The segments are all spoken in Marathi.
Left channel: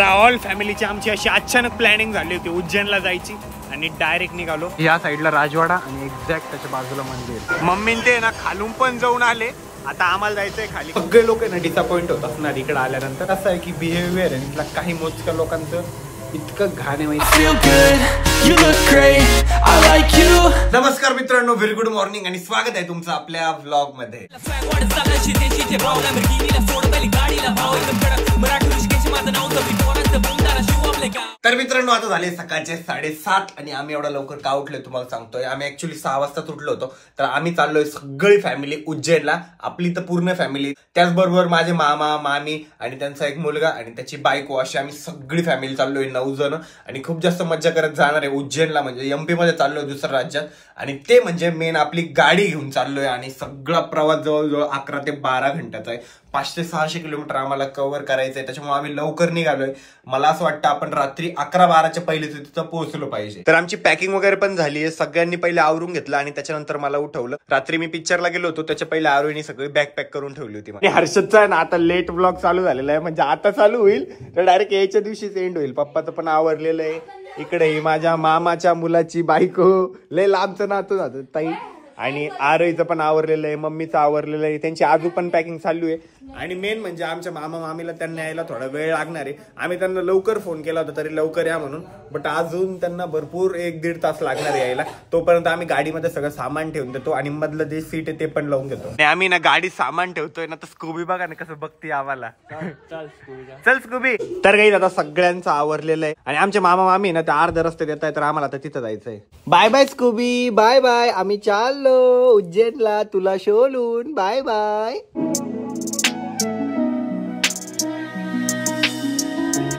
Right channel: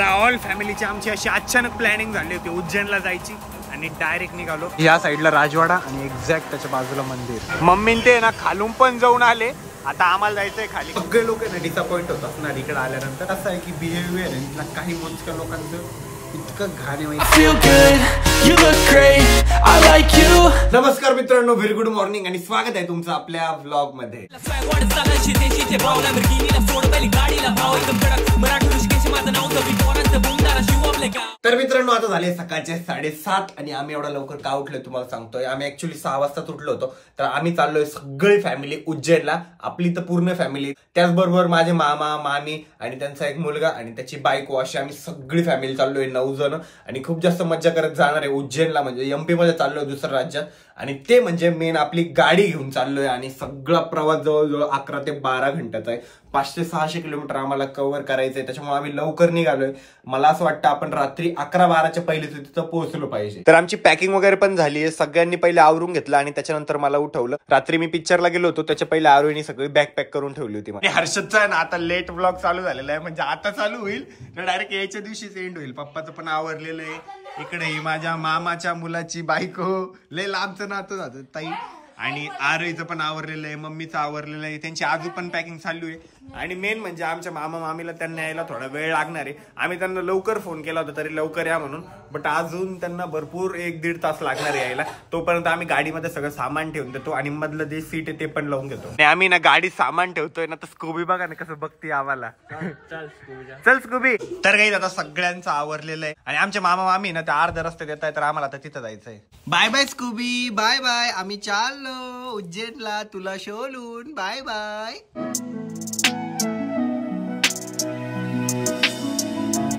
ऑल फॅमिलीची आमची अशी अचानक प्लॅनिंग झाली होती उज्जैनला जायची आणि डायरेक्ट निघालो. या साईडला राजवाडा आणि एक्झॅक्ट त्याच्या बाजूला मंदिर. मम्मी ते ना खालून पण जाऊन आले. आता आम्हाला जायचंय खाली. सगळे लोक ना डिसअपॉइंट होत असणार इकडे आल्यानंतर. असं आहे की बिहेवियर आहे इथला काही मोजक्या लोकांचं इतकं घाणे माहिती. नमस्कार मित्रांनो, व्हेरी गुड मॉर्निंग आणि स्वागत आहे तुमचं आपल्या व्लॉग मध्ये. तर मित्रांनो, आता झाले सकाळचे 7:30 आणि आम्ही एवढा लवकर का उठलोय तुम्हाला सांगतोय. आम्ही ऍक्च्युली 6 वाजता उठलो होतो. तर आम्ही चाललोय सगळी फॅमिली उज्जैनला. आपली तर पूर्ण फॅमिली, त्याचबरोबर माझे मामा मामी आणि त्यांचा एक मुलगा आणि त्याची बायको, अशी आम्ही सगळी फॅमिली चाललोय 9 जण. आणि खूप जास्त मज्जा करत जाणार आहे उज्जैनला. म्हणजे एमपी मध्ये चाललोय, दुसऱ्या राज्यात. आणि ते म्हणजे मेन आपली गाडी घेऊन चाललोय. आणि सगळा प्रवास जवळजवळ 11 ते 12 घंट्याचा आहे. 500-600 किलोमीटर आम्हाला कव्हर करायचंय. त्याच्यामुळे आम्ही लवकर निघालोय. मला असं वाटतं आपण रात्री 11-12च्या पहिले तिथं पोहोचलो पाहिजे. तर आमची पॅकिंग वगैरे पण झाली आहे. सगळ्यांनी पहिले आवरून घेतलं आणि त्याच्यानंतर मला उठवलं. रात्री मी पिक्चरला गेलो होतो, त्याच्या पहिले आरोहीने सगळी बॅग पॅक करून ठेवली होती. हर्षदचा आहे ना आता लेट ब्लॉग चालू झालेला आहे. म्हणजे आता चालू होईल तर डायरेक्ट यायच्या दिवशीच एंड होईल. पप्पाचं पण आवरलेलं आहे. इकडे ही माझ्या मामाच्या मुलाची बायको, लय लांबचं नातू जातो ताई. आणि आरोहीचं पण आवरलेलं आहे, मम्मीचं आवरलेलं आहे. त्यांची आजू पण पॅकिंग चालू आहे. आणि मेन म्हणजे आमच्या मामा मामीला त्यांना यायला थोडा वेळ लागणार आहे. आम्ही त्यांना लवकर फोन केला होता तरी लवकर या म्हणून, बट अजून त्यांना भरपूर 1-1.5 तास लागणार यायला. तोपर्यंत आम्ही गाडीमध्ये सगळं सामान ठेवून देतो आणि मधलं जे सीट आहे ते पण लावून घेतो. आणि आम्ही ना गाडी सामान ठेवतोय ना, तर स्कूबी बघा ना कसं बघते आम्हाला. चल स्कूबी. तर काही आता सगळ्यांचं आवरलेलं आहे आणि आमचे मामा मामी ना त्या अर्ध्या रस्ते देत आहे, तर आम्हाला आता तिथं जायचंय. Bye bye Scooby, bye bye. आम्ही चाललो उज्जैनला तुला शोलून. Bye bye.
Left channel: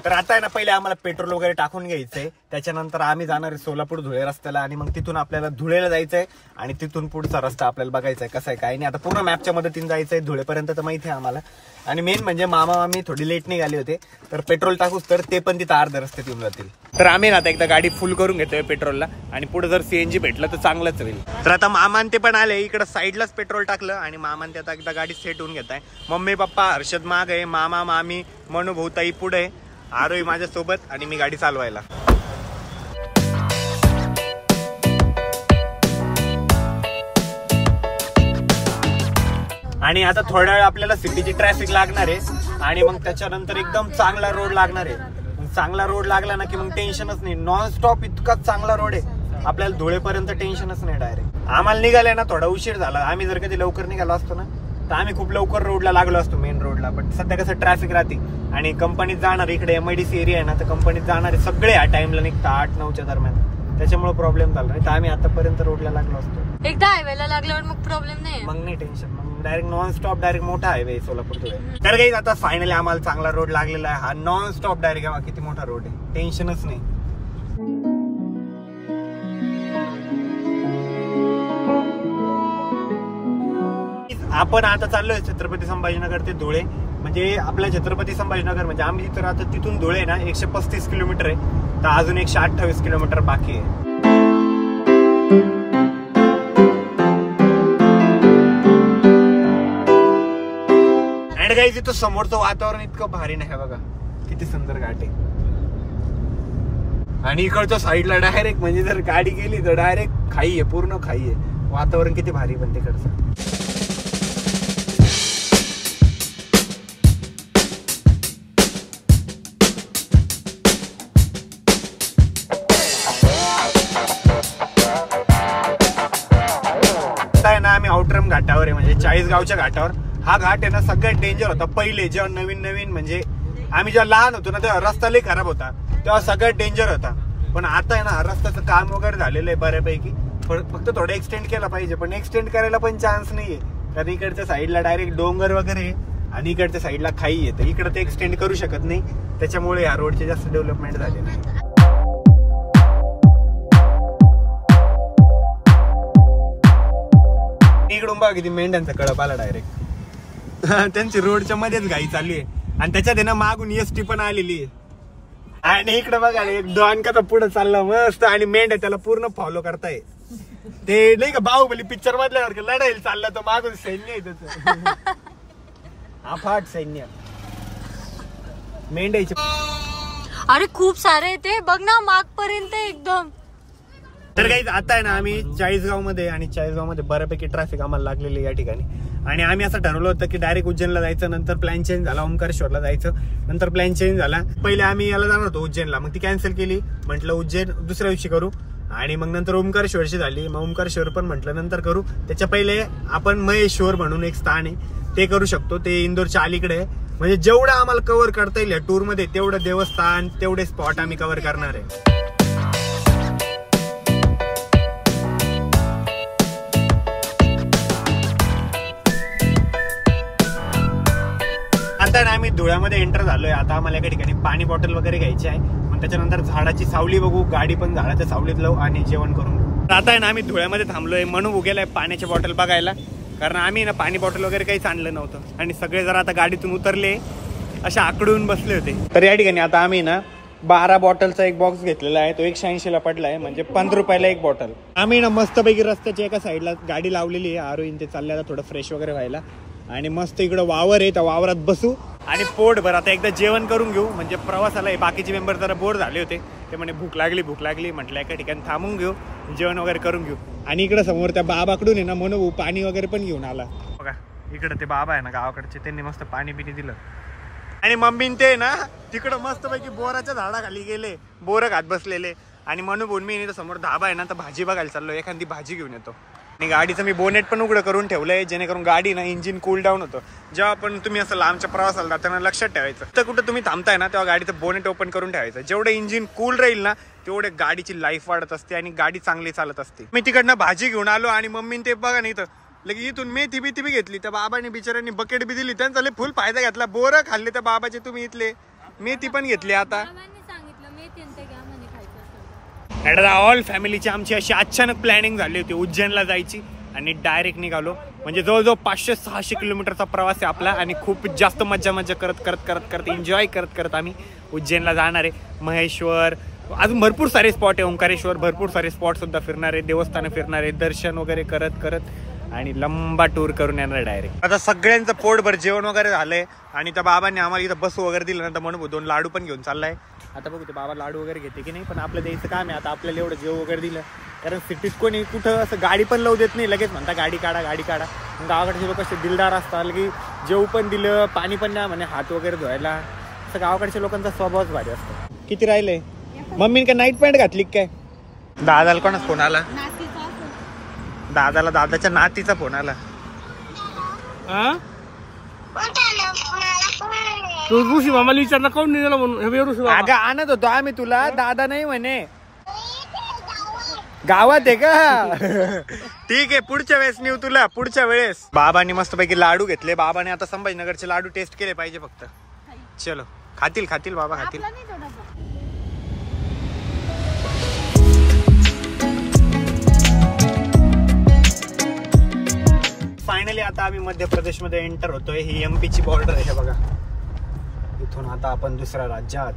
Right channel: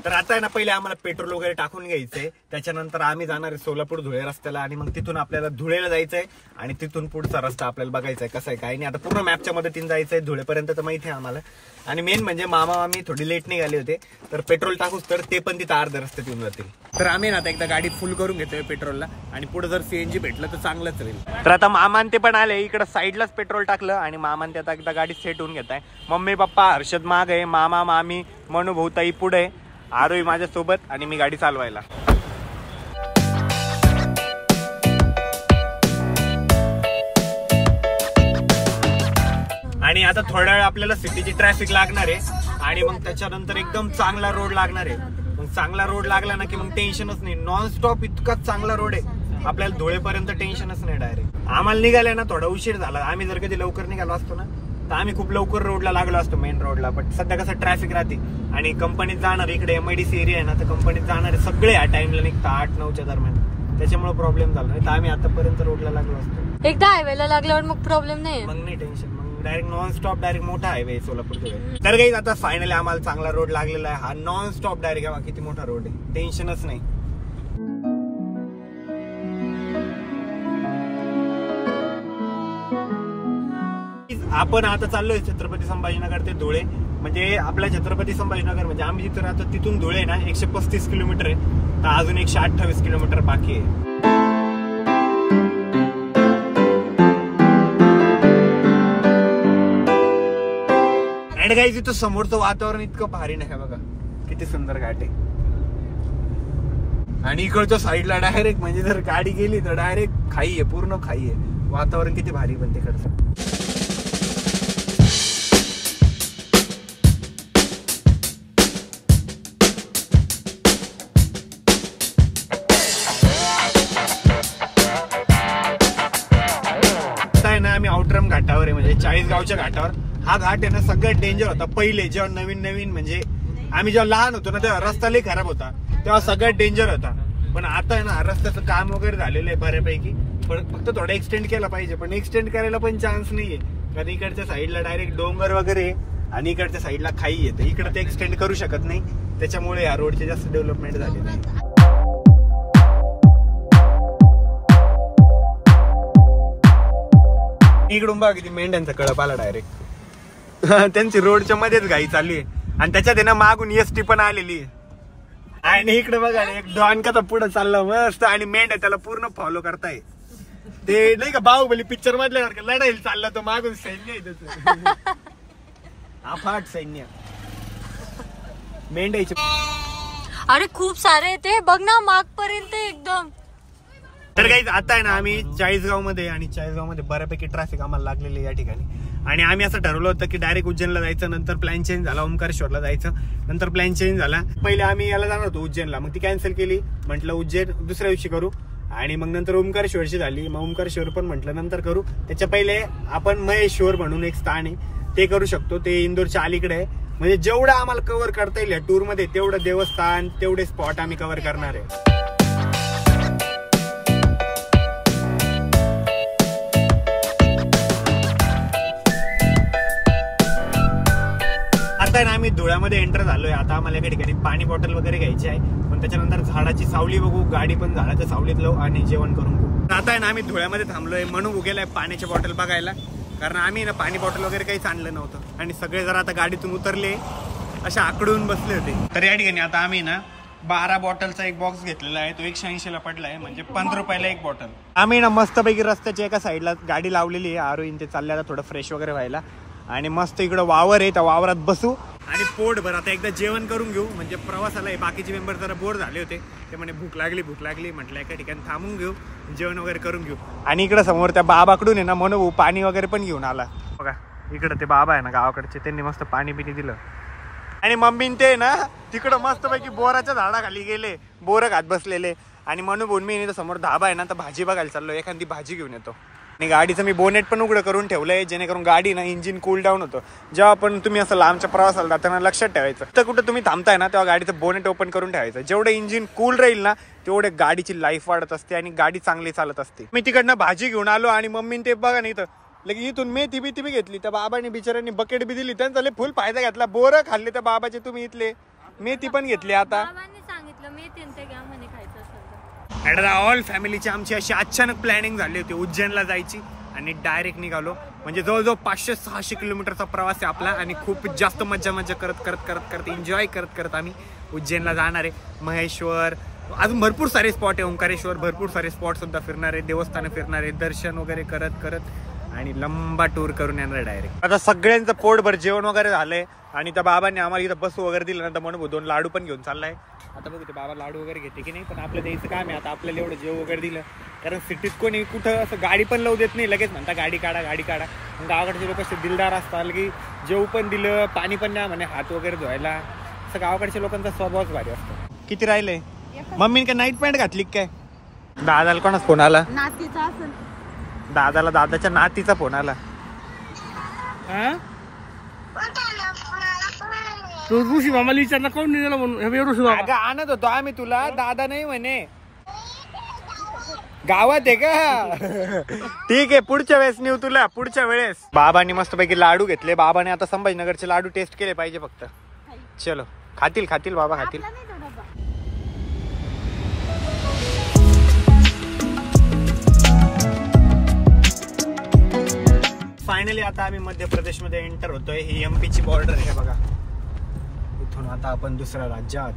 तर आता आहे ना, पहिले आम्हाला पेट्रोल वगैरे टाकून घ्यायचंय. त्याच्यानंतर आम्ही जाणार आहे सोलापूर धुळे रस्त्याला आणि मग तिथून आपल्याला धुळेला जायचंय आणि तिथून पुढचा रस्ता आपल्याला बघायचा आहे कसा आहे काय नाही. आता पूर्ण मॅपच्या मदतीने जायचंय धुळेपर्यंत तर माहिती आहे आम्हाला. आणि मेन म्हणजे मामा मामी थोडी लेट निघाले होते, तर पेट्रोल टाकूच तर ते पण तिथं अर्ध्या रस्त्यात येऊन जातील. तर आम्ही ना आता एकदा गाडी फुल करून घेतोय पेट्रोलला आणि पुढे जर सीएनजी भेटलं तर चांगलंच होईल. तर आता मामान ते पण आले, इकडे साईडलाच पेट्रोल टाकलं आणि मामान ते आता एकदा गाडी सेट होऊन घेत आहे. मम्मी पप्पा हर्षद माग आहे, मामा मामी मनू भाऊ ताई पुढे, आरोही माझ्यासोबत आणि मी गाडी चालवायला. आणि आता थोड्या वेळ आपल्याला सिटीची ट्रॅफिक लागणार आहे आणि मग त्याच्यानंतर एकदम चांगला रोड लागणार आहे. मग चांगला रोड लागला ना की मग टेन्शनच नाही. नॉन स्टॉप इतकाच चांगला रोड आहे, आपल्याला धुळेपर्यंत टेन्शनच नाही. डायरेक्ट आम्हाला निघाले ना थोडा उशीर झाला. आम्ही जर कधी लवकर निघालो असतो ना तर आम्ही खूप लवकर रोडला लागलो असतो, मेन रोडला. पण सध्या कसं ट्रॅफिक राहते आणि कंपनीत जाणार, इकडे MIDC एरिया आहे ना, तर कंपनीत जाणारे सगळे या टाइमला निघतात 8-9च्या दरम्यान. त्याच्यामुळे प्रॉब्लेम झाला नाही तर आम्ही आतापर्यंत रोडला लागलो असतो. एकदा हायवेला लागल्यावर मग प्रॉब्लेम नाही, मग नाही टेन्शन. मग डायरेक्ट नॉन स्टॉप डायरेक्ट मोठा हायवे सोलापूर धुळे. तर काही आता फायनली आम्हाला चांगला रोड लागलेला आहे. हा नॉन स्टॉप डायरेक्ट किती मोठा रोड आहे, टेन्शनच नाही. आपण आता चाललोय छत्रपती संभाजीनगर ते धुळे. म्हणजे आपल्या छत्रपती संभाजीनगर म्हणजे आम्ही जिथं राहतो तिथून धुळे ना 135 किलोमीटर आहे. तर अजून 128 किलोमीटर बाकी आहे. आणि काही तिथं समोरचं वातावरण इतकं भारी नाही बघा, किती सुंदर घाट आहे. आणि इकडच्या साईडला डायरेक्ट म्हणजे जर गाडी गेली तर डायरेक्ट खाई आहे, पूर्ण खाई आहे. वातावरण किती भारी पण तिकडचं. आम्ही औटरम घाटावर आहे, म्हणजे 40 गावच्या घाटावर. हा घाट आहे ना सगळ्यात डेंजर होता पहिले, जेव्हा नवीन म्हणजे आम्ही जेव्हा लहान होतो ना तेव्हा रस्ता लई खराब होता, तेव्हा सगळ्यात डेंजर होता. पण आता आहे ना रस्त्याचं काम वगैरे झालेलं आहे बऱ्यापैकी. फक्त थोडं एक्सटेंड केला पाहिजे, पण एक्सटेंड करायला पण चान्स नाहीये. कारण इकडच्या साईडला डायरेक्ट डोंगर वगैरे आणि इकडच्या साईडला खाई आहे, तर इकडे ते एक्सटेंड करू शकत नाही. त्याच्यामुळे या रोडचे जास्त डेव्हलपमेंट झाले नाही. इकडून बघा किती मेंढ्यांचा कळप आला डायरेक्ट. त्यांची रोडच्या मध्येच घाई चालू आहे आणि त्याच्यात आहे ना मागून एसटी पण आलेली आहे. आणि इकडे बघा एक डॉन कसा पुढे चालला मस्त आणि मेंढ्या त्याला पूर्ण फॉलो करताय. ते नाही का बाहुबली पिक्चर मधल्यासारखं लढायला चालला तर मागून सैन्य आहे त्याचं, अफाट सैन्य. मेंढ्याची अरे खूप सारे ते बघ ना मागपर्यंत एकदम. तर काही आता आहे ना आम्ही चाळीसगाव मध्ये आणि चाळीसगाव मध्ये बऱ्यापैकी ट्रॅफिक आम्हाला लागलेली या ठिकाणी आणि आम्ही असं ठरवलं होतं की डायरेक्ट उज्जैनला जायचं. नंतर प्लॅन चेंज झाला, ओंकारेश्वरला जायचं. नंतर प्लॅन चेंज झाला. पहिले आम्ही याला जाणार होतो उज्जैनला, मग ती कॅन्सल केली. म्हटलं उज्जैन दुसऱ्या दिवशी करू आणि मग नंतर ओंकारेश्वरची झाली. मग ओंकारेश्वर पण म्हटलं नंतर करू. त्याच्या पहिले आपण महेश्वर म्हणून एक स्थान आहे ते करू शकतो. ते इंदोरच्या अलीकडे आहे. म्हणजे जेवढं आम्हाला कव्हर करता येईल या टूर मध्ये तेवढं देवस्थान तेवढे स्पॉट आम्ही कव्हर करणार आहे. आता आम्ही धुळ्यामध्ये एंटर झालोय. आता आम्हाला एका ठिकाणी पाणी बॉटल वगैरे घ्यायची आहे. पण त्याच्यानंतर झाडाची सावली बघू, गाडी पण झाडाच्या सावलीत लावू आणि जेवण करून घेऊ. आता आहे ना आम्ही धुळ्यामध्ये थांबलोय. म्हणून गेलाय पाण्याची बॉटल बघायला, कारण आम्ही ना पाणी बॉटल वगैरे काहीच आणलं नव्हतं आणि सगळे जरा आता गाडीतून उतरले अशा आकडून बसले होते. तर या ठिकाणी आता आम्ही ना 12 बॉटलचा एक बॉक्स घेतलेला आहे. तो 180ला पडलाय, म्हणजे 15 रुपयाला एक बॉटल. आम्ही ना मस्तपैकी रस्त्याच्या एका साईडला गाडी लावलेली आहे. आरोईन ते चालले आता थोडं फ्रेश वगैरे व्हायला आणि मस्त इकडं वावर आहे, त्या वावरात बसू आणि पोटभर आता एकदा जेवण करून घेऊ. म्हणजे प्रवासाला बाकीचे मेंबर जरा बोर झाले होते, ते म्हणे भूक लागली म्हटलं एका ठिकाणी थांबून घेऊ, जेवण वगैरे करून घेऊ. आणि इकडं समोर त्या बाबाकडून आहे ना म्हणून पाणी वगैरे पण घेऊन आला बघा. इकडं ते बाबा आहे ना गावाकडचे, त्यांनी मस्त पाणी बिनी दिलं. आणि मम्मीन ते ना तिकडं मस्तपैकी बोराच्या झाडाखाली गेले, बोरं खात बसलेले. आणि म्हणून बोल मी समोर धाबा आहे ना, तर भाजी बघायला चाललो, एखादी भाजी घेऊन येतो. आणि गाडीचं मी बोनेट पण उघडं करून ठेवलंय, जेणेकरून गाडी ना इंजिन कूल डाऊन होतं. जेव्हा पण तुम्ही असं लांबच्या प्रवासाला जाताना लक्षात ठेवायचं, तर कुठं तुम्ही थांबताय ना तेव्हा गाडीचं बोनेट ओपन करून ठेवायचं. जेवढं इंजिन कूल राहील ना तेवढे गाडीची लाईफ वाढत असते आणि गाडी चांगली चालत असते. मी तिकडनं भाजी घेऊन आलो आणि मम्मीने ते बघा नाही तर लगे इथून मेथी बी घेतली. त्या बाबाने बिचाऱ्यांनी बकेट बी दिली, त्यांचा फुल फायदा घेतला. बोरं खाल्ले त्या बाबाचे तुम्ही इथले, मेथी पण घेतली. आता ऑल फॅमिलीची आमची अशी अचानक प्लॅनिंग झाली होती उज्जैनला जायची आणि डायरेक्ट निघालो. म्हणजे जवळजवळ 500-600 किलोमीटरचा प्रवास आहे आपला आणि खूप जास्त मजा करत एन्जॉय करत आम्ही उज्जैनला जाणार आहे. महेश्वर, अजून भरपूर सारे स्पॉट आहे, ओंकारेश्वर, भरपूर सारे स्पॉट सुद्धा फिरणार आहे, देवस्थान फिरणार आहे, दर्शन वगैरे करत आणि लंबा टूर करून येणार डायरेक्ट. आता सगळ्यांचं पोटभर जेवण वगैरे झालंय आणि त्या बाबांनी आम्हाला इथं बसू वगैरे दिलं ना, तर म्हणून 2 लाडू पण घेऊन चाललाय. आता बघू ते बाबा लाडू वगैरे घेते की नाही, पण आपलं द्यायचं काम आहे. आता आपल्याला एवढं जेव वगैरे दिलं, कारण सिटीत कोणी कुठं असं गाडी पण लावू देत नाही, लगेच म्हणता गाडी काढा. गावाकडचे लोक असे दिलदार असतात की जेव पण दिलं, पाणी पण द्या म्हणे, हात वगैरे धुवायला. असं गावाकडच्या लोकांचा स्वभावच भारी असतो. किती राहिलंय? मम्मीने काय नाईट पॅन्ट घातली काय? दादाला कोणाच फोन आला? दादाच्या नातीचा फोन आला. ऋषी मामाला विचारला काऊन निघाला म्हणून. ऋषी मामा आणत होतो आम्ही तुला, दादा नाही म्हणे. गावात आहे का? ठीक आहे, पुढच्या वेळेस नेऊ तुला, पुढच्या वेळेस. बाबांनी मस्तपैकी लाडू घेतले. बाबाने आता संभाजीनगरचे लाडू टेस्ट केले पाहिजे फक्त. चलो, खातील बाबा खातील. फायनली आता आम्ही मध्य प्रदेशमध्ये एंटर होतोय. ही MP ची बॉर्डर आहे बघा. इथून आता आपण दुसऱ्या राज्यात.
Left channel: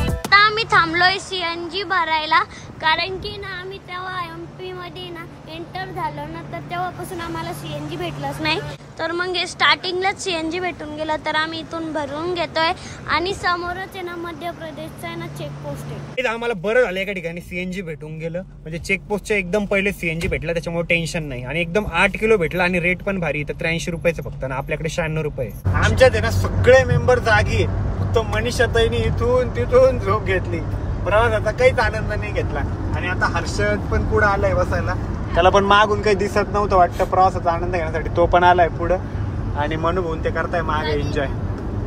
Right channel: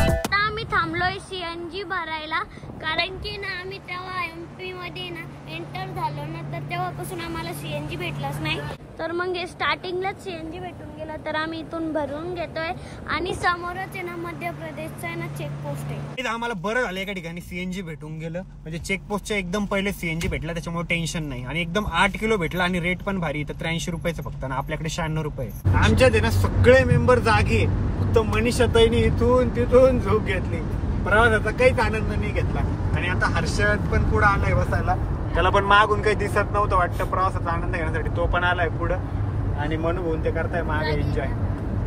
आता आम्ही थांबलोय CNG भरायला, कारण की ना आम्ही तेव्हा MP मध्ये ना एंटर झालो ना, तर तेव्हापासून आम्हाला CNG भेटलंच नाही. तर मग स्टार्टिंगलाच CNG भेटून गेलं, तर आम्ही इथून भरून घेतोय. आणि समोरच आहे ना मध्य प्रदेशचा आहे ना चेकपोस्ट आहे. आम्हाला बरं झालं एका ठिकाणी CNG भेटून गेलं, म्हणजे चेकपोस्टच्या एकदम पहिले CNG भेटला, त्याच्यामुळे टेन्शन नाही. आणि एकदम 8 किलो भेटला आणि रेट पण भारी, तर 83 रुपयाचं फक्त ना, आपल्याकडे 96 रुपये. आमच्यात आहे ना सगळे मेंबर जागी, फक्त मनीषाताईने इथून तिथून झोप घेतली. प्रवासाचा काहीच आनंद नाही घेतला. आणि आता हर्षद पण पुढे आलाय बसायला, त्याला पण मागून काही दिसत नव्हतं वाटतं प्रवासाचा आनंद घेण्यासाठी, तो पण आलाय पुढं. आणि म्हणून ते करताय मागे एन्जॉय.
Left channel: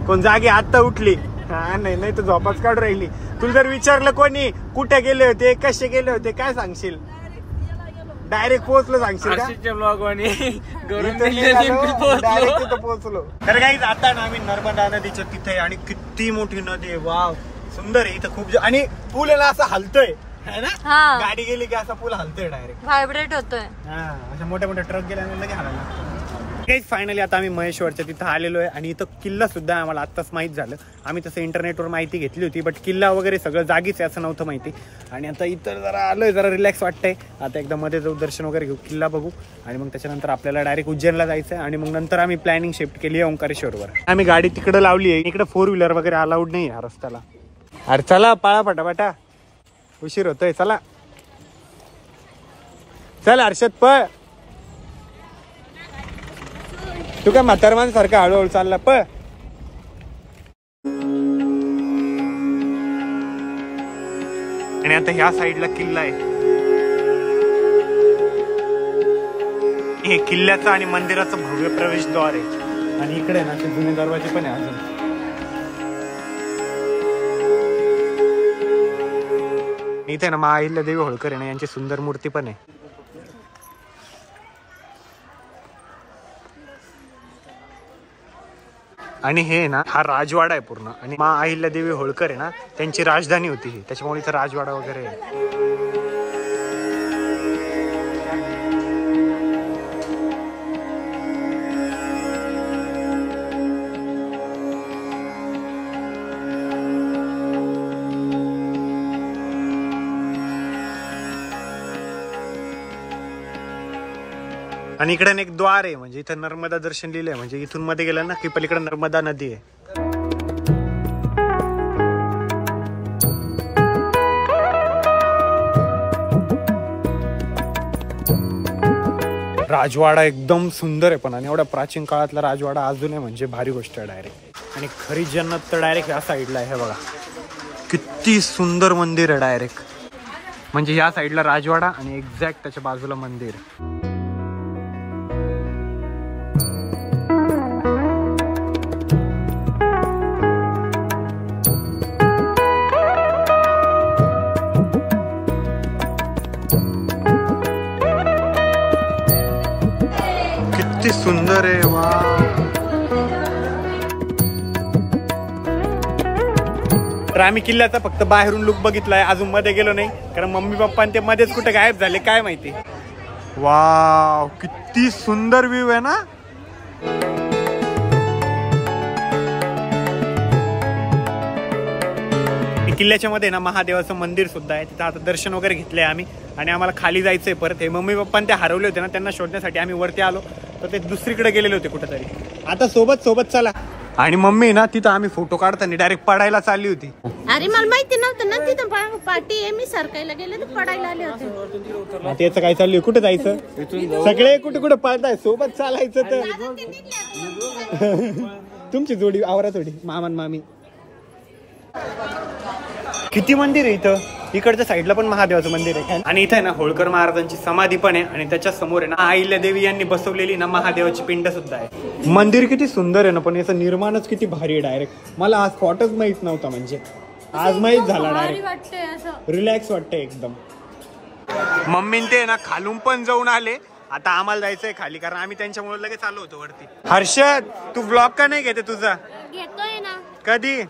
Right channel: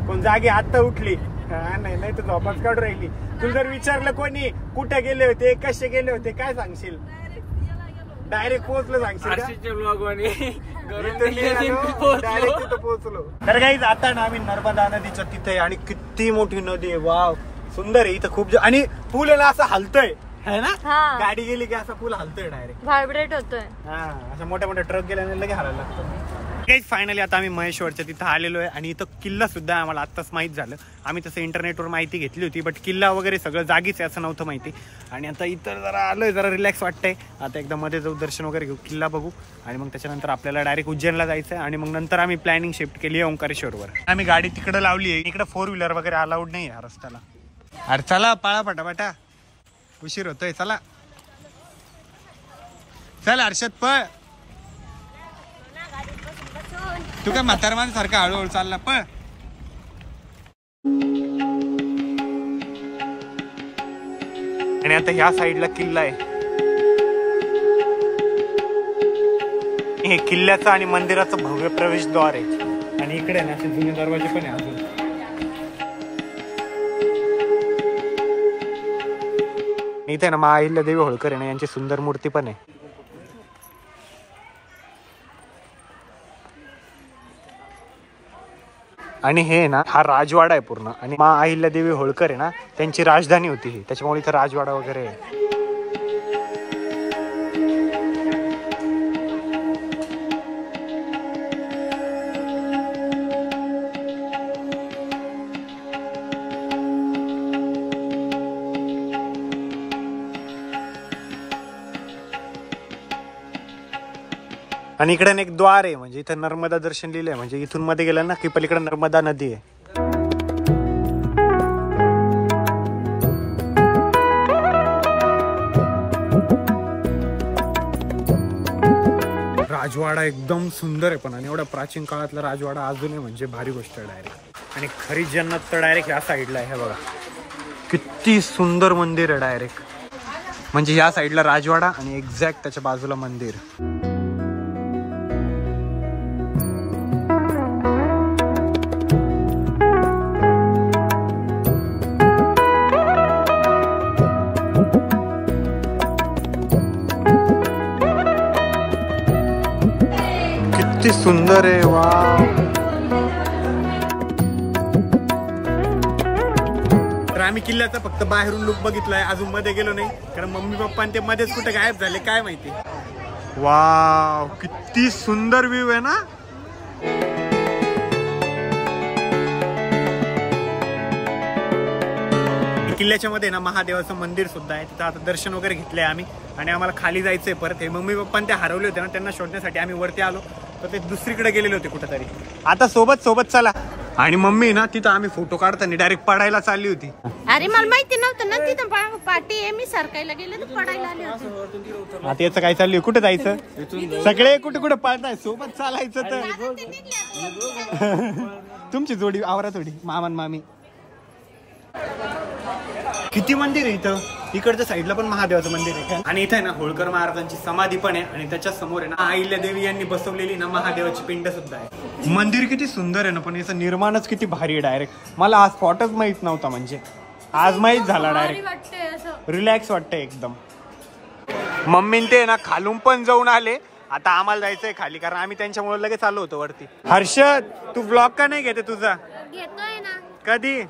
कोण जागी आत्ता उठली? नाही तर झोपच काढून राहिली. तुला जर विचारलं कोणी कुठे गेले होते, कसे गेले होते, काय सांगशील? डायरेक्ट पोहोचलो सांगशील? डायरेक्ट पोहोचलो. तर काहीच आता ना आम्ही नर्मदा नदीच्या तिथे, आणि किती मोठी नदी आहे, वाव सुंदर आहे. इथं खूप आणि पूल आहे ना असं हलतोय है ना, गाडी गेली की असा पूल हलतोय, डायरेक्ट व्हायब्रेट होतोय. असे मोठे मोठे ट्रक गेल्याने लगे हलायला लागतो. काहीच फायनली आता आम्ही महेश्वरच्या तिथं आलेलो आहे आणि इथं किल्ला सुद्धा आम्हाला आत्ताच माहीत झालं. आम्ही तसं इंटरनेटवर माहिती घेतली होती बट किल्ला वगैरे सगळं जागीच आहे असं नव्हतं माहिती. आणि आता इथं जरा आलोय, जरा रिलॅक्स वाटतंय. आता एकदा मध्ये जाऊ, दर्शन वगैरे घेऊ, किल्ला बघू आणि मग त्याच्यानंतर आपल्याला डायरेक्ट उज्जैनला जायचं आहे. आणि मग नंतर आम्ही प्लॅनिंग शिफ्ट केली आहे ओंकारेश्वरवर. आम्ही गाडी तिकडे लावली आहे, इकडे 4 व्हीलर वगैरे अलाउड नाही आहे रस्त्याला. अरे चला पाळा पटापटा, उशीर होतोय. चला चल हर्षद पळ. तू काय म्हातारमान सारखा हळूहळू चालला पळ. आणि आता ह्या साईडला किल्ला आहे. हे किल्ल्याचं आणि मंदिराचं भव्य प्रवेशद्वार आहे. आणि इकडे ना ते जुने दरवाजे पण आहे अजून. इथे ना मा अहिल्यादेवी होळकर आहे ना, यांची सुंदर मूर्ती पण आहे. आणि हे ना हा राजवाडा आहे पूर्ण. आणि मा अहिल्यादेवी होळकर आहे ना, त्यांची राजधानी होती ही, त्याच्यामुळे इथं राजवाडा वगैरे आहे. आणि इकडे एक द्वार आहे, म्हणजे इथं नर्मदा दर्शन लिहिलंय. म्हणजे इथून मध्ये गेलं ना की पलीकडे नर्मदा नदी आहे. राजवाडा एकदम सुंदर आहे पण, आणि एवढ्या प्राचीन काळातला राजवाडा अजून आहे म्हणजे भारी गोष्ट आहे डायरेक्ट. आणि खरी जन्नत तर डायरेक्ट या साईडला आहे. हे बघा किती सुंदर मंदिर आहे डायरेक्ट. म्हणजे या साईडला राजवाडा आणि एक्झॅक्ट त्याच्या बाजूला मंदिर. किती सुंदर आहे वा. तर आम्ही किल्ल्याचा फक्त बाहेरून लुक बघितलाय, अजून मध्ये गेलो नाही कारण मम्मी पप्पा ते मध्येच कुठे गायब झाले काय माहिती. वाव किती सुंदर व्ह्यू आहे ना. किल्ल्याच्या मध्ये ना महादेवाचं मंदिर सुद्धा आहे. तिथं आता दर्शन वगैरे घेतलंय आम्ही आणि आम्हाला खाली जायचंय परत. हे मम्मी पप्पा ते हरवले होते ना, त्यांना शोधण्यासाठी आम्ही वरती आलो तर ते दुसरीकडे गेलेले होते कुठेतरी. आता सोबत चला. आणि मम्मी ना तिथं आम्ही फोटो काढताना डायरेक्ट पडायला चालली होती. अरे मला माहिती नव्हतं ना तिथं पार्टी आहे, मी सरकायला गेले तर पडायला आले होते. आता याचं काय चाललंय, कुठे जायचं, सगळे कुठे पळताय, सोबत चालायचं तर. तुमची जोडी आवरा थोडी, मामान मामी. किती मंदिर आहे इथं. इकडच्या साईडला पण महादेवाचं मंदिर आहे आणि इथं आहे ना होळकर महाराजांची समाधी पण आहे. आणि त्याच्या समोर आहे ना अहिल्यादेवी यांनी बसवलेली ना महादेवाची पिंड सुद्धा आहे. मंदिर किती सुंदर आहे ना, पण याचं निर्माणच किती भारी आहे डायरेक्ट. मला आज स्पॉटच माहित नव्हता, म्हणजे आज माहित झाला डायरेक्ट. रिलॅक्स वाटतंय एकदम. मम्मी ते ना खालून पण जाऊन आले. आता आम्हाला जायचंय खाली कारण आम्ही त्यांच्यामुळे लगेच आलो होतो वरती. हर्षद तू ब्लॉग का नाही घेते तुझा. घेतोय ना. कधी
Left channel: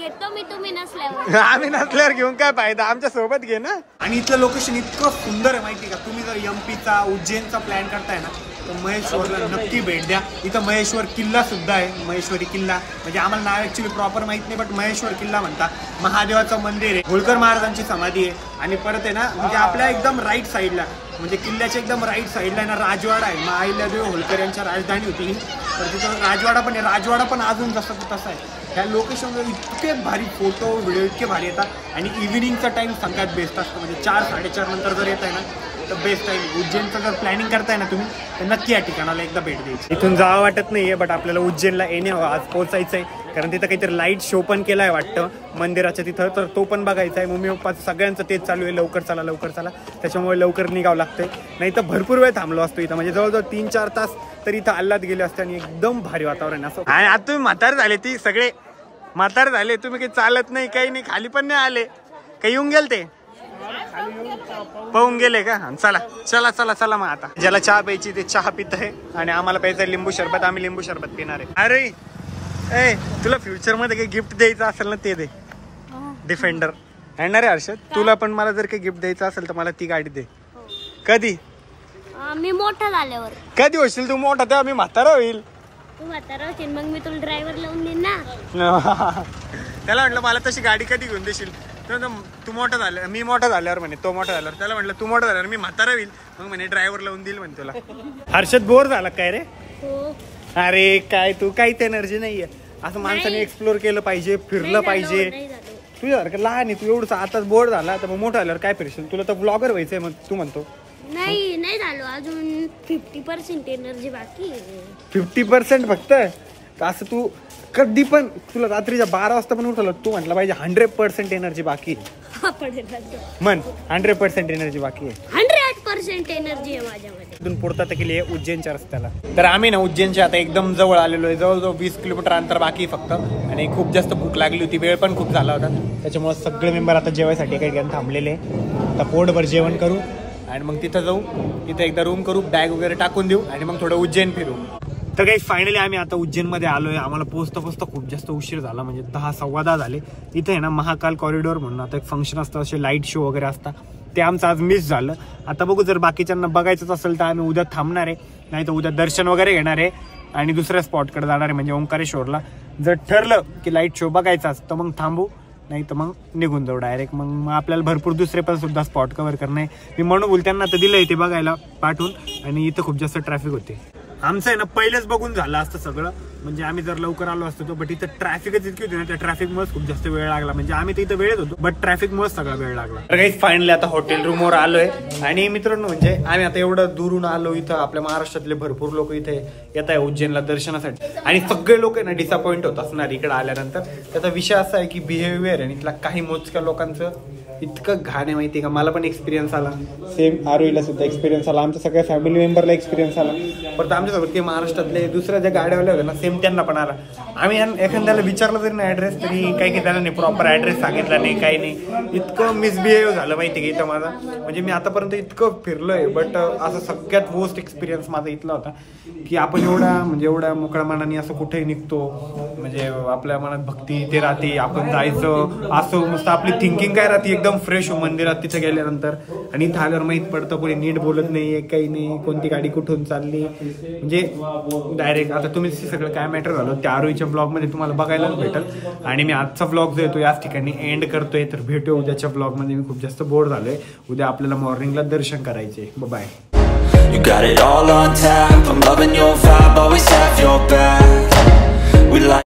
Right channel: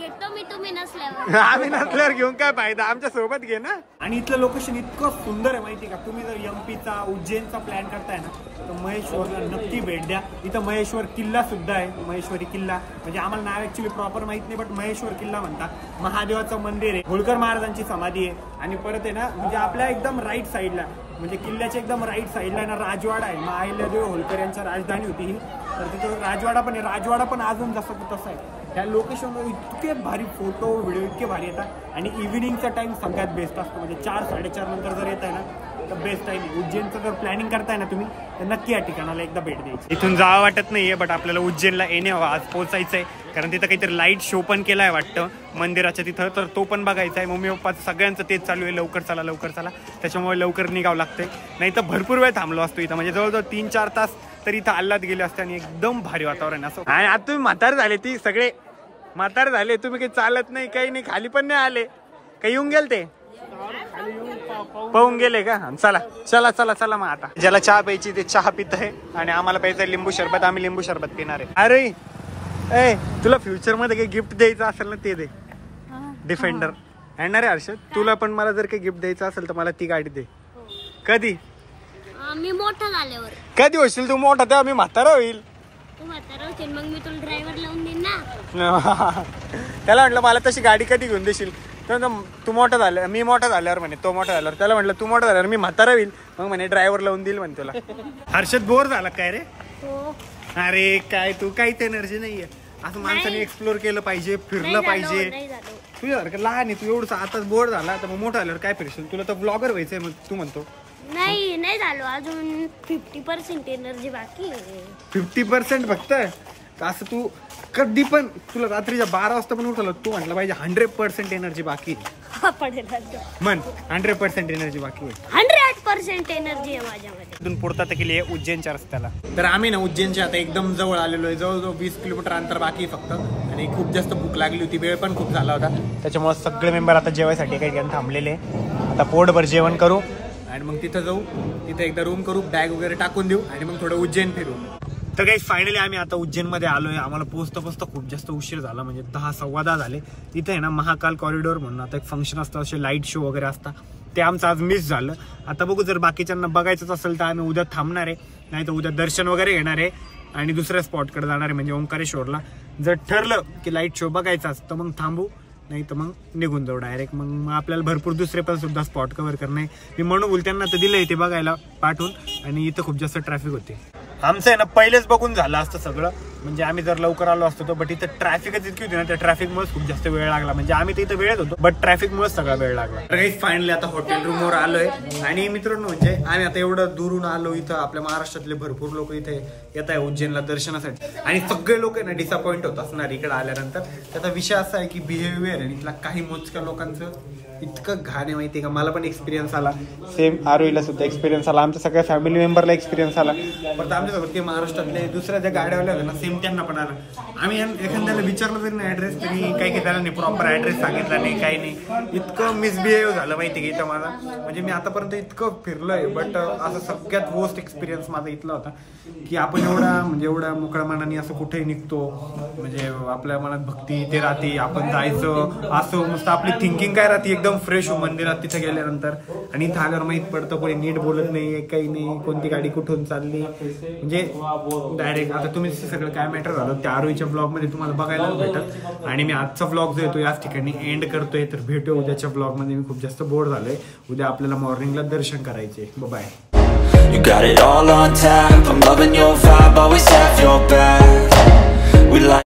घेतो मी, तुम्ही नसल्यावर. आम्ही नसल्यावर घेऊन काय फायदा, आमच्या सोबत घे ना. आणि इथलं लोकेशन इतकं सुंदर आहे माहिती का. तुम्ही जर एमपीचा उज्जैनचा प्लॅन करताय ना तर महेश्वरला नक्की भेट द्या. इथं महेश्वर किल्ला सुद्धा आहे, महेश्वरी किल्ला. म्हणजे आम्हाला नाव ऍक्च्युली प्रॉपर माहित नाही बट महेश्वर किल्ला म्हणतात. महादेवाचं मंदिर आहे, होळकर महाराजांची समाधी आहे. आणि परत आहे ना म्हणजे आपल्या एकदम राईट साईडला, म्हणजे किल्ल्याच्या एकदम राईट साईडला ना राजवाडा आहे. मा अहिल्यादेवी होळकर यांच्या राजधानी होती ही, तर तिथं राजवाडा पण आहे. राजवाडा पण अजून जसं तसा आहे. ह्या लोकेशनवर इतके भारी फोटो व्हिडिओ इतके भारी येतात. आणि इव्हिनिंगचा टाइम सगळ्यात बेस्ट असतो, म्हणजे 4-4:30 नंतर जर येत आहे ना तर बेस्ट टाइम. उज्जैनचं जर प्लॅनिंग करताय ना तुम्ही तर नक्की या ठिकाणाला एकदा भेट द्यायची. इथून जावं वाटत नाहीये बट आपल्याला उज्जैनला येणे हवं, आज पोहोचायचं आहे. कारण तिथं काहीतरी लाईट शो पण केला आहे वाटतं मंदिराच्या तिथं, तर तो पण बघायचा आहे. मम्मी पप्पाचं सगळ्यांचं तेच चालू आहे, लवकर चला. त्याच्यामुळे लवकर निघावं लागतंय, नाही तर भरपूर वेळ थांबलो असतो इथं. म्हणजे जवळजवळ 3-4 तास तर इथं आल्हाद गेले असते. आणि एकदम भारी वातावरण असं. आणि आता तुम्ही म्हातार झाले, ती सगळे म्हातार झाले, तुम्ही काही चालत नाही काही नाही, खाली पण नाही आले काही. येऊन गेल ते पाहून गेले का. चला मग आता ज्याला चहा प्यायची ते चहा पित आहे आणि आम्हाला प्यायचं लिंबू सरबत. आम्ही लिंबू सरबत पिणार आहे. अरे तुला फ्युचर मध्ये काही गिफ्ट द्यायचं असेल ना ते दे. डिफेंडर येणार आहे हर्षद. तुला पण मला जर काही गिफ्ट द्यायचं असेल तर मला ती गाडी दे. कधी मी मोठा झाल्यावर. कधी होशील तू मोठा तेव्हा मी म्हातारा होईल. तू म्हातारा होशील मग मी तुला ड्रायव्हर लावून देईन ना. त्याला म्हटलं मला तशी गाडी कधी घेऊन देशील. तू मोठा झाला मी मोठा झाल्यावर म्हणे तो मोठा झाल्यावर. त्याला म्हटलं तू मोठा झाल्यावर मी म्हातारा होईल मग म्हणे ड्रायव्हर लावून देईल म्हणे तुला. हर्षद बोर झाला काय रे. हो. अरे काय तू काहीच एनर्जी नाहीये. असं माणसाने एक्सप्लोर केलं पाहिजे फिरलं पाहिजे. तुझ्यासारखं लहान आहे तू एवढं आताच बोर झाला तर मग मोठा झाल्यावर काय फिरशील. तुला तर ब्लॉगर व्हायचंय मग तू म्हणतो. नाही झालो अजून 50% एनर्जी बाकी. 50% फक्त. असं तू कधी पण तुला रात्रीच्या 12 वाजता पण उठवलं तू म्हटलं पाहिजे 100% एनर्जी बाकी मन 100% एनर्जी बाकी आहे. 100% एनर्जी आहे माझ्यामध्ये. इथून पुढता केली आहे उज्जैनच्या रस्त्याला. तर आम्ही ना उज्जैनच्या आता एकदम जवळ आलेलो आहे. जवळजवळ 20 किलोमीटर अंतर बाकी आहे फक्त. आणि खूप जास्त भूक लागली होती वेळ पण खूप झाला होता त्याच्यामुळे सगळे मेंबर आता जेवायसाठी काही ठिकाणी थांबलेले. आता पोटभर जेवण करू आणि मग तिथं जाऊ. तिथं एकदा रूम करू बॅग वगैरे टाकून देऊ आणि मग थोडं उज्जैन फिरू. तर काही फायनली आम्ही आता उज्जैनमध्ये आलोय. आम्हाला पोचता खूप जास्त उशीर झाला म्हणजे 10 सव्वा 10 झाले. इथे आहे ना महाकाल कॉरिडॉर म्हणून आता एक फंक्शन असतं असे लाईट शो वगैरे असतात ते आमचं आज मिस झालं. आता बघू जर बाकीच्यांना बघायचंच असेल तर आम्ही उद्या थांबणार आहे. नाही तर उद्या दर्शन वगैरे घेणार आहे आणि दुसऱ्या स्पॉटकडे जाणार आहे म्हणजे ओंकारेश्वरला. जर ठरलं की लाईट शो बघायचाच तर मग थांबू नाही तर मग निघून जाऊ डायरेक्ट. मग आपल्याला भरपूर दुसरे पण सुद्धा स्पॉट कव्हर करणे. मी म्हणून त्यांना तर दिलंय ते बघायला पाठवून. आणि इथं खूप जास्त ट्रॅफिक होते. आमचं आहे ना पहिलेच बघून झालं असतं सगळं म्हणजे आम्ही जर लवकर आलो असतो तर. बट इथं ट्रॅफिकच इतकी होती ना त्या ट्रॅफिकमुळेच खूप जास्त वेळ लागला. म्हणजे आम्ही तर इथं वेळेत होतो बट ट्रॅफिकमुळेच सगळा वेळ लागला. तर काही फायनली आता हॉटेल रूमवर आलोय. आणि मित्रांनो म्हणजे आम्ही आता एवढं दुरून आलो. इथं आपल्या महाराष्ट्रातले भरपूर लोक इथे येत आहे उज्जैनला दर्शनासाठी. आणि सगळे लोक आहे ना डिसअपॉइंट होत असणार इकडे आल्यानंतर. त्याचा विषय असा आहे की बिहेवियर आणि इथला काही मोजक्या लोकांचं इतकं घाण आहे माहिती आहे का. मला पण एक्सपिरियन्स आला सेम. आरोहीला सुद्धा एक्सपिरियन्स आला. आमच्या सगळ्या फॅमिली मेंबरला एक्सपिरियन्स आला. परत आमच्यासोबत ते महाराष्ट्रातले दुसऱ्या ज्या गाड्यावाल्या होत्या ना सेम त्यांना पण आला. आम्ही एखाद्याला विचारलं तरी ना ऍड्रेस तरी काही त्याला नाही प्रॉपर ऍड्रेस सांगितला नाही काही नाही. इतकं मिसबिहेव झालं माहिती आहे का इथं माझा. म्हणजे मी आतापर्यंत इतकं फिरलोय बट असं सगळ्यात वर्स्ट एक्सपिरियन्स माझा इथला होता की आपण एवढ्या मोकळ्या मनाने असं कुठेही निघतो. म्हणजे आपल्या मनात भक्ती ते राहते आपण जायचं असं मस्त आपली थिंकिंग काय राहते एकदम फ्रेश हो मंदिरात तिथे गेल्यानंतर. आणि इथं आल्यावर माहित पडतं कोणी नीट बोलत नाही काही नाही. कोणती गाडी कुठून चालली म्हणजे डायरेक्ट. आता तुम्ही सगळं काय मॅटर झालं त्या आरोहीच्या ब्लॉग मध्ये तुम्हाला बघायलाच भेटेल. आणि मी आजचा ब्लॉग जो येतो याच ठिकाणी एंड करतोय. तर भेटूया उद्याच्या ब्लॉग मध्ये. मी खूप जास्त बोर झालोय. उद्या आपल्याला मॉर्निंगला दर्शन करायचे. Bye. You got it all on tap. I'm loving your vibe, always have your back. We like